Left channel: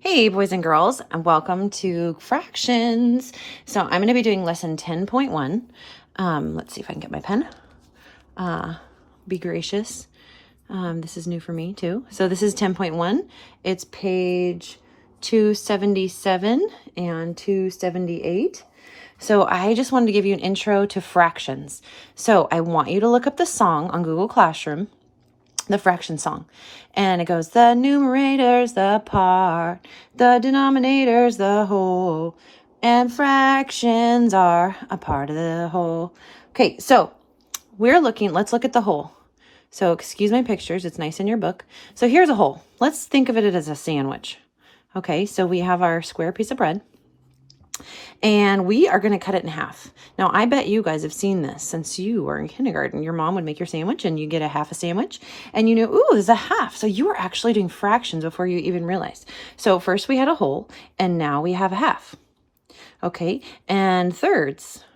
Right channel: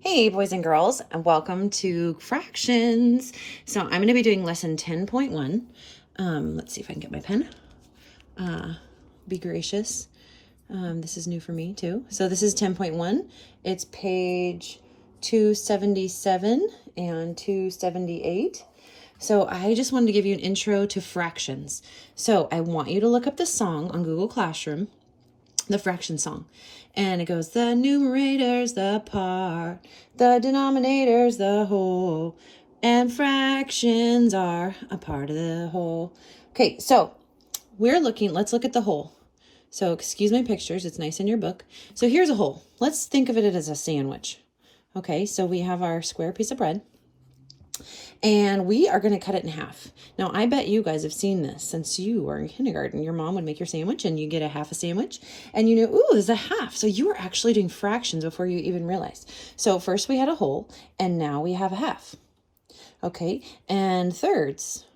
Hey, boys and girls, and welcome to Fractions. So I'm going to be doing lesson 10.1. Let's see if I can get my pen. Be gracious. This is new for me too. So this is 10.1. It's page 277 and 278. So I just wanted to give you an intro to fractions. So I want you to look up the song on Google Classroom, the fraction song, and it goes, the numerator's the part, the denominator's the whole, and fractions are a part of the whole. Okay, so let's look at the whole. So excuse my pictures, it's nice in your book. So here's a whole. Let's think of it as a sandwich. Okay, so we have our square piece of bread, and we are going to cut it in half. Now, I bet you guys have seen this since you were in kindergarten. Your mom would make your sandwich and you get a half a sandwich and you knew, ooh, there's a half. So you were actually doing fractions before you even realized. So first we had a whole and now we have a half. Okay, and thirds.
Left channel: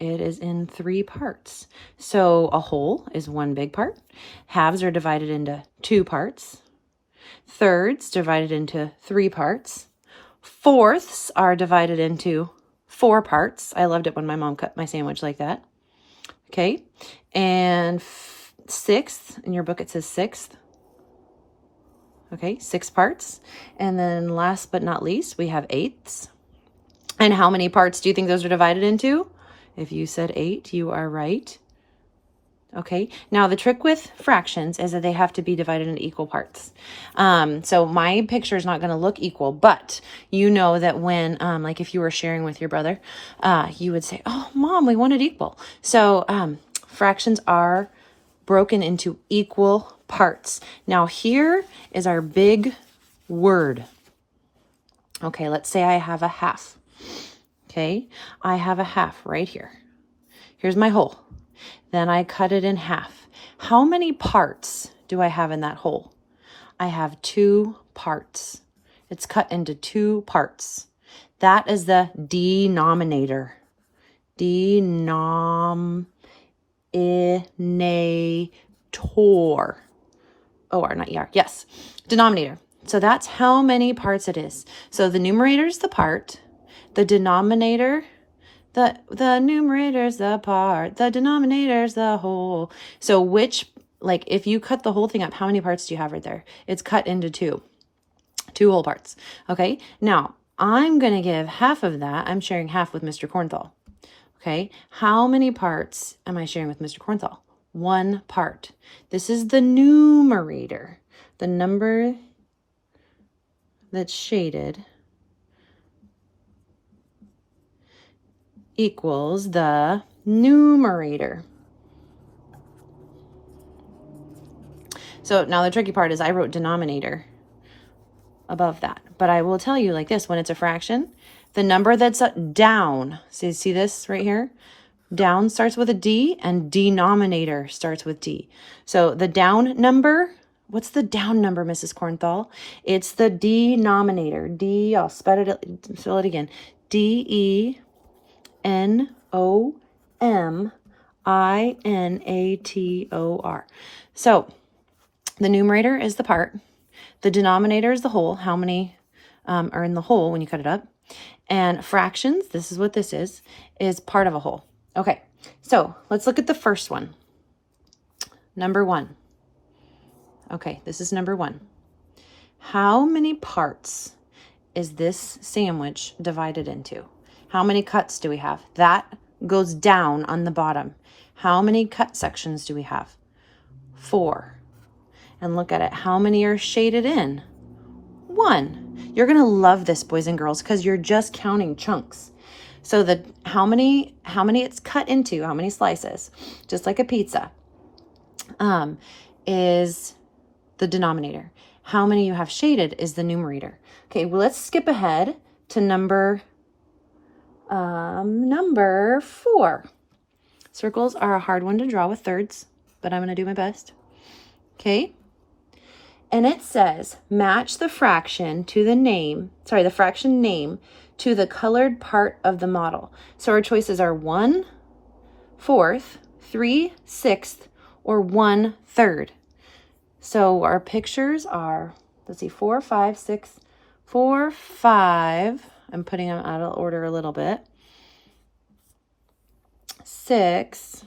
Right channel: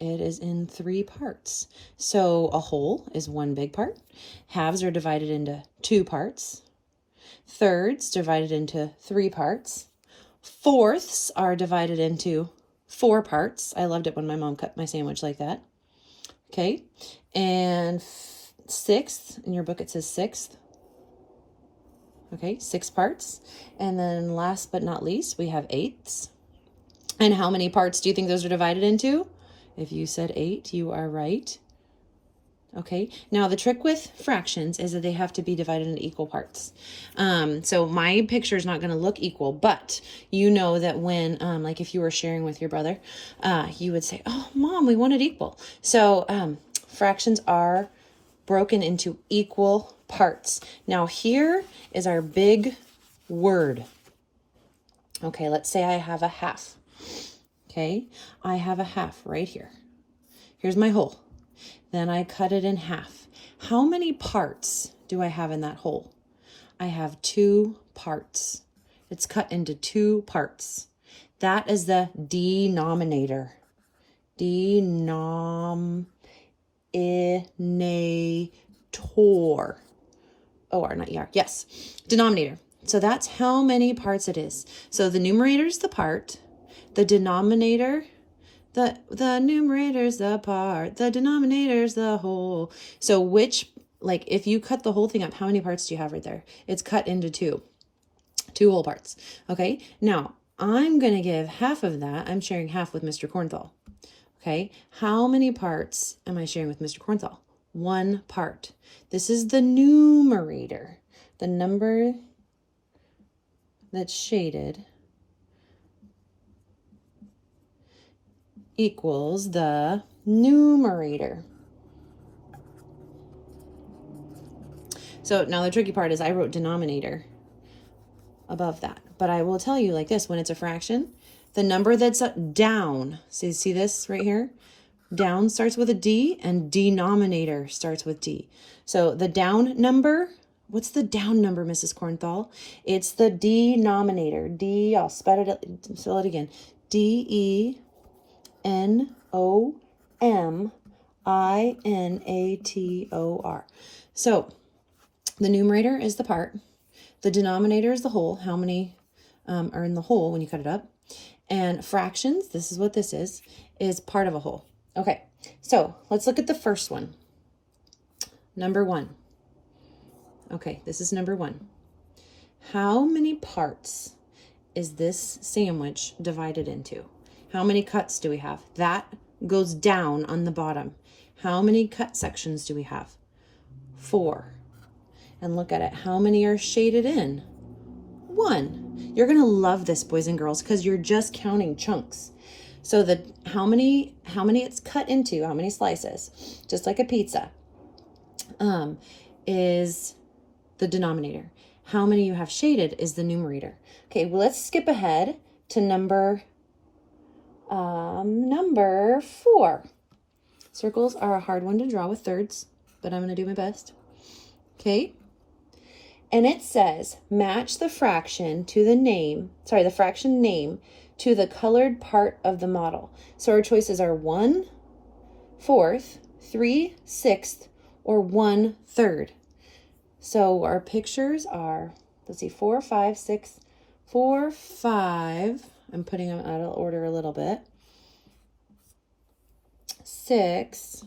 It is in 3 parts. So a whole is 1 big part. Halves are divided into 2 parts. Thirds divided into 3 parts. Fourths are divided into 4 parts. I loved it when my mom cut my sandwich like that. Okay. And sixth, in your book it says sixth. Okay, 6 parts. And then last but not least, we have eighths. And how many parts do you think those are divided into? If you said 8, you are right. Okay, now the trick with fractions is that they have to be divided into equal parts. So my picture is not going to look equal, but you know that when, like if you were sharing with your brother, you would say, oh, Mom, we want it equal. So fractions are broken into equal parts. Now here is our big word. Okay, let's say I have a half. Okay, I have a half right here. Here's my whole. Then I cut it in half. How many parts do I have in that whole? I have 2 parts. It's cut into 2 parts. That is the denominator. Denominator. O-R, not E-R. Yes, denominator. So that's how many parts it is. So the numerator is the part. The denominator, the numerator's the part, the denominator's the whole. So like if you cut the whole thing up, how many parts do you have right there? It's cut into 2 whole parts. Okay, now I'm going to give half of that. I'm sharing half with Mr. Cornthal. Okay, how many parts am I sharing with Mr. Cornthal? 1 part. This is the numerator, the number that's shaded equals the numerator. So now the tricky part is I wrote denominator above that. But I will tell you like this, when it's a fraction, the number that's down, see this right here? Down starts with a D and denominator starts with D. So the down number, what's the down number, Mrs. Cornthal? It's the denominator. I'll spell it again. D-E-N-O-M-I-N-A-T-O-R. So the numerator is the part. The denominator is the whole. How many are in the whole when you cut it up? And fractions, this is what this is part of a whole. Okay, so let's look at the first one. Number 1. Okay, this is number 1. How many parts is this sandwich divided into? How many cuts do we have? That goes down on the bottom. How many cut sections do we have? 4. And look at it. How many are shaded in? 1. You're going to love this, boys and girls, because you're just counting chunks. So how many it's cut into, how many slices, just like a pizza, is the denominator. How many you have shaded is the numerator. Okay, well, let's skip ahead to number 4. Circles are a hard one to draw with thirds, but I'm going to do my best. Okay. And it says, match the fraction to the fraction name to the colored part of the model. So our choices are 1/4, 3/6, or 1/3. So our pictures are let's see, 4, 5, 6, 4, 5. I'm putting them out of order a little bit. 6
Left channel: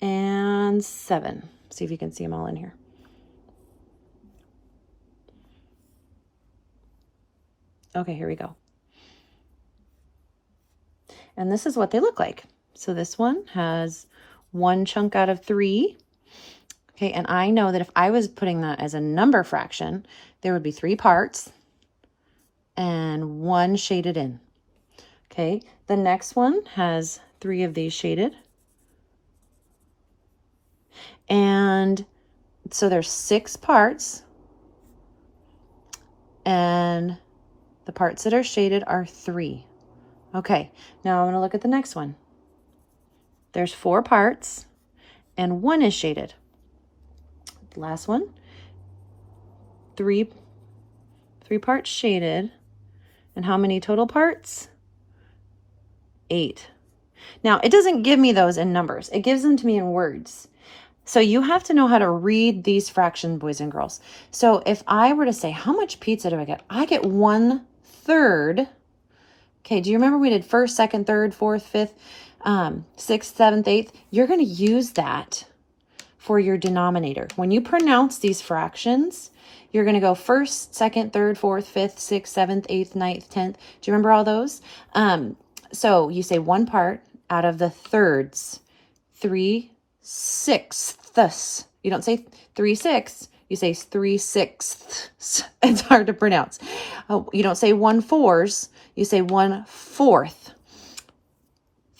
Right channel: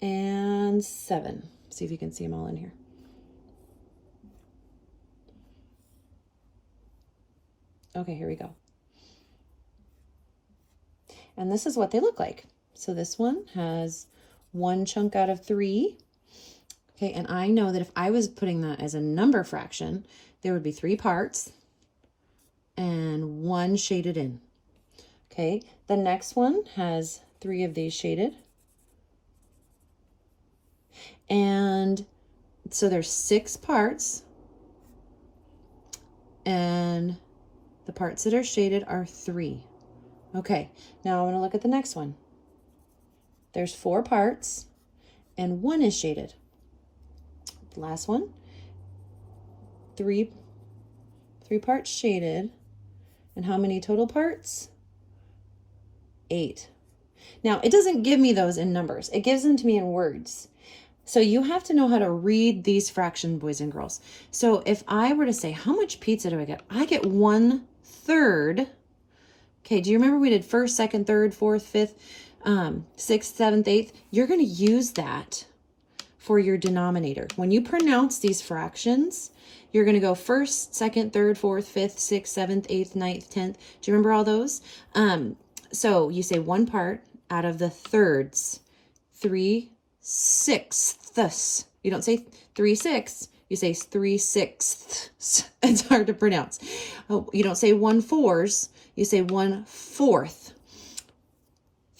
and 7. See if you can see them all in here. Okay, here we go. And this is what they look like. So this one has 1 chunk out of 3. Okay, and I know that if I was putting that as a number fraction, there would be 3 parts and 1 shaded in. Okay, the next one has 3 of these shaded. And so there's 6 parts, and the parts that are shaded are 3. Okay, now I'm going to look at the next one. There's 4 parts, and 1 is shaded. Last one, 3 parts shaded, and how many total parts? 8. Now, it doesn't give me those in numbers. It gives them to me in words. So you have to know how to read these fractions, boys and girls. So if I were to say, how much pizza do I get? I get 1/3. Okay, do you remember we did first, second, third, fourth, fifth, 6th, 7th, 8th? You're going to use that for your denominator. When you pronounce these fractions, you're going to go first, second, third, fourth, fifth, 6th, 7th, 8th, 9th, 10th. Do you remember all those? So you say 1 part out of the thirds, 3/6. You don't say 3/6. You say 3/6. It's hard to pronounce. Oh, you don't say 1/4. You say 1/4.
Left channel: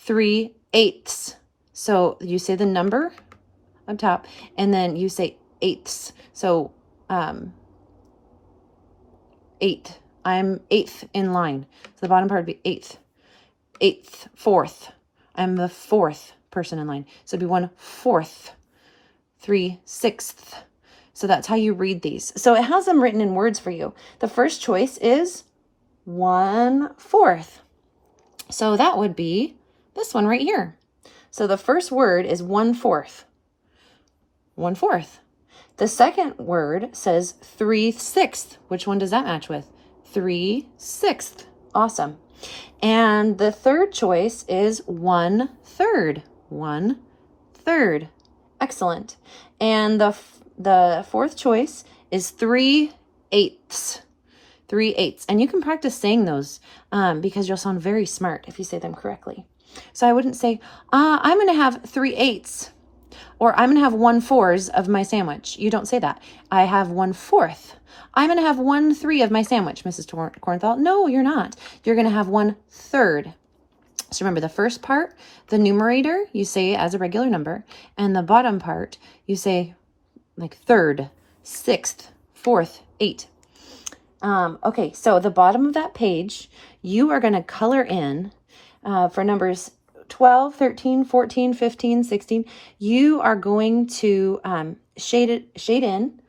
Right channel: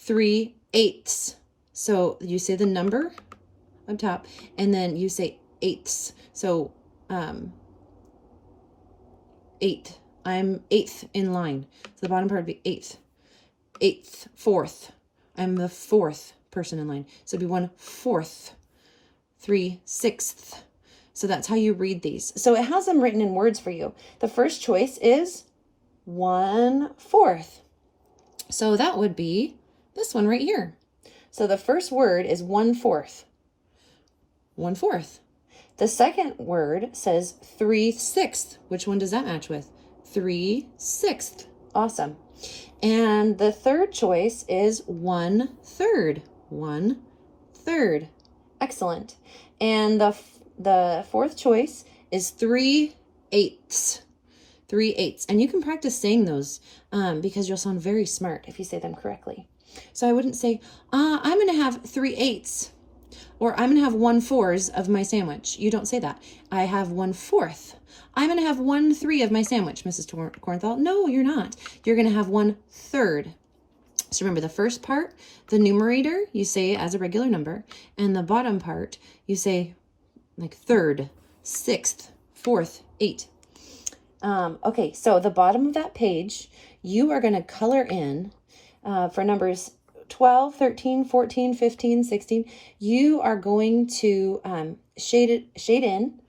3/8. So you say the number up top, and then you say eighths. So 8. I'm 8th in line. So the bottom part would be 8th. 8th, 4th. I'm the 4th person in line. So it'd be 1/4. 3/6. So that's how you read these. So it has them written in words for you. The first choice is 1/4. So that would be this one right here. So the first word is 1/4. 1/4. The second word says 3/6. Which one does that match with? 3/6. Awesome. And the third choice is 1/3. 1/3. Excellent. And the fourth choice is 3/8. 3/8. And you can practice saying those because you'll sound very smart if you say them correctly. So I wouldn't say, I'm going to have 3/8, or I'm going to have 1/4 of my sandwich. You don't say that. I have 1/4. I'm going to have 1/3 of my sandwich, Mrs. Kornthal. No, you're not. You're going to have 1/3. So remember, the first part, the numerator, you say as a regular number, and the bottom part, you say like 3rd, 6th, 4th, 8. Okay, so the bottom of that page, you are going to color in for numbers 12, 13, 14, 15, 16. You are going to shade in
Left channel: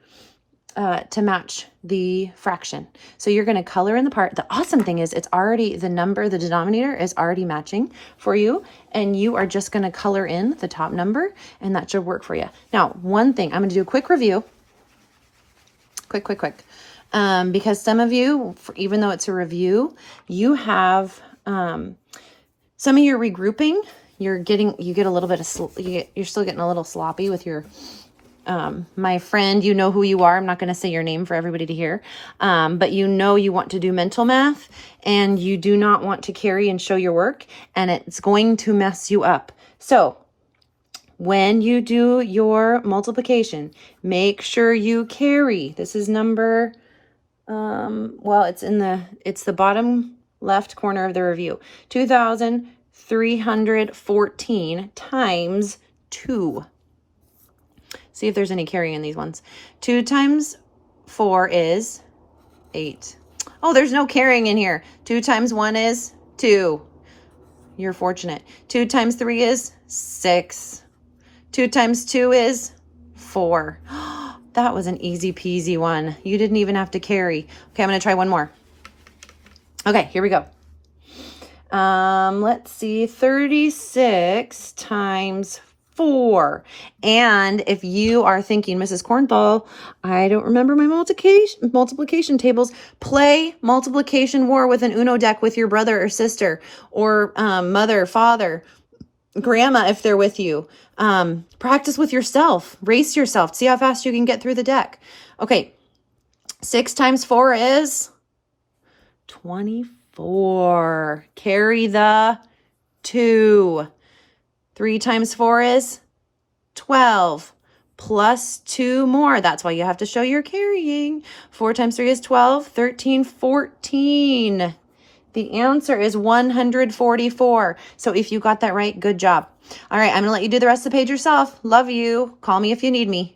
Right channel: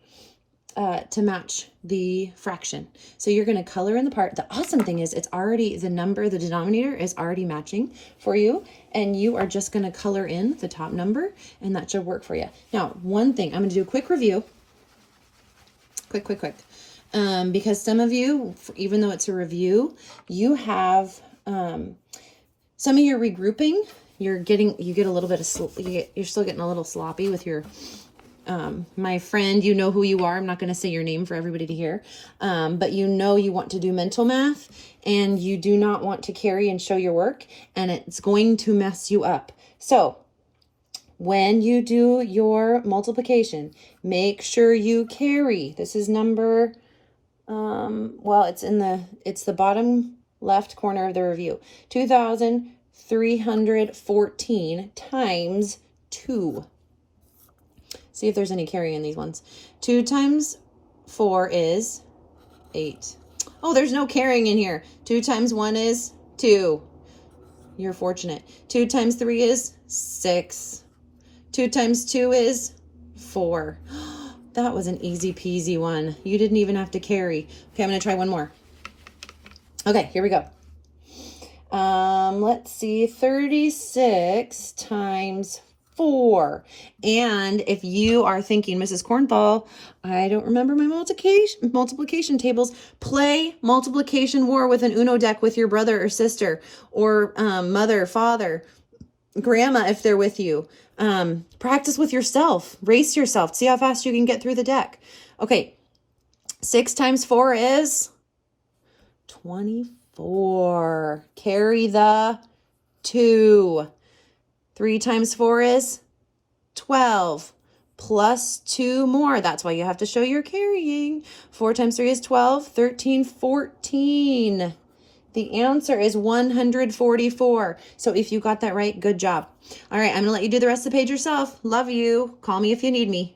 to match the fraction. So you're going to color in the part. The awesome thing is it's already, the number, the denominator is already matching for you, and you are just going to color in the top number, and that should work for you. Now, one thing, I'm going to do a quick review. Quick. Because some of you, even though it's a review, you have some of your regrouping. You get a little bit of, you're still getting a little sloppy with your my friend, you know who you are. I'm not going to say your name for everybody to hear. But you know you want to do mental math, and you do not want to carry and show your work, and it's going to mess you up. So when you do your multiplication, make sure you carry. This is number, well, it's the bottom left corner of the review. 2,314 times 2. See if there's any carry in these ones. 2 times 4 is 8. Oh, there's no carrying in here. 2 times 1 is 2. You're fortunate. 2 times 3 is 6. 2 times 2 is 4. That was an easy peasy one. You didn't even have to carry. Okay, I'm going to try one more. Okay, here we go. Let's see. 36 times 4. And if you are thinking, Mrs. Cornthal, I don't remember my multiplication tables, play multiplication war with an Uno deck with your brother or sister, or mother, father, grandma if they're with you. Practice with yourself. Race yourself. See how fast you can get through the deck. Okay, 6 times 4 is 24. Carry the 2. 3 times 4 is 12. Plus 2 more. That's why you have to show you're carrying. 4 times 3 is 12. 13, 14. The answer is 144. So if you got that right, good job. All right, I'm going to let you do the rest of the page yourself. Love you. Call me if you need me.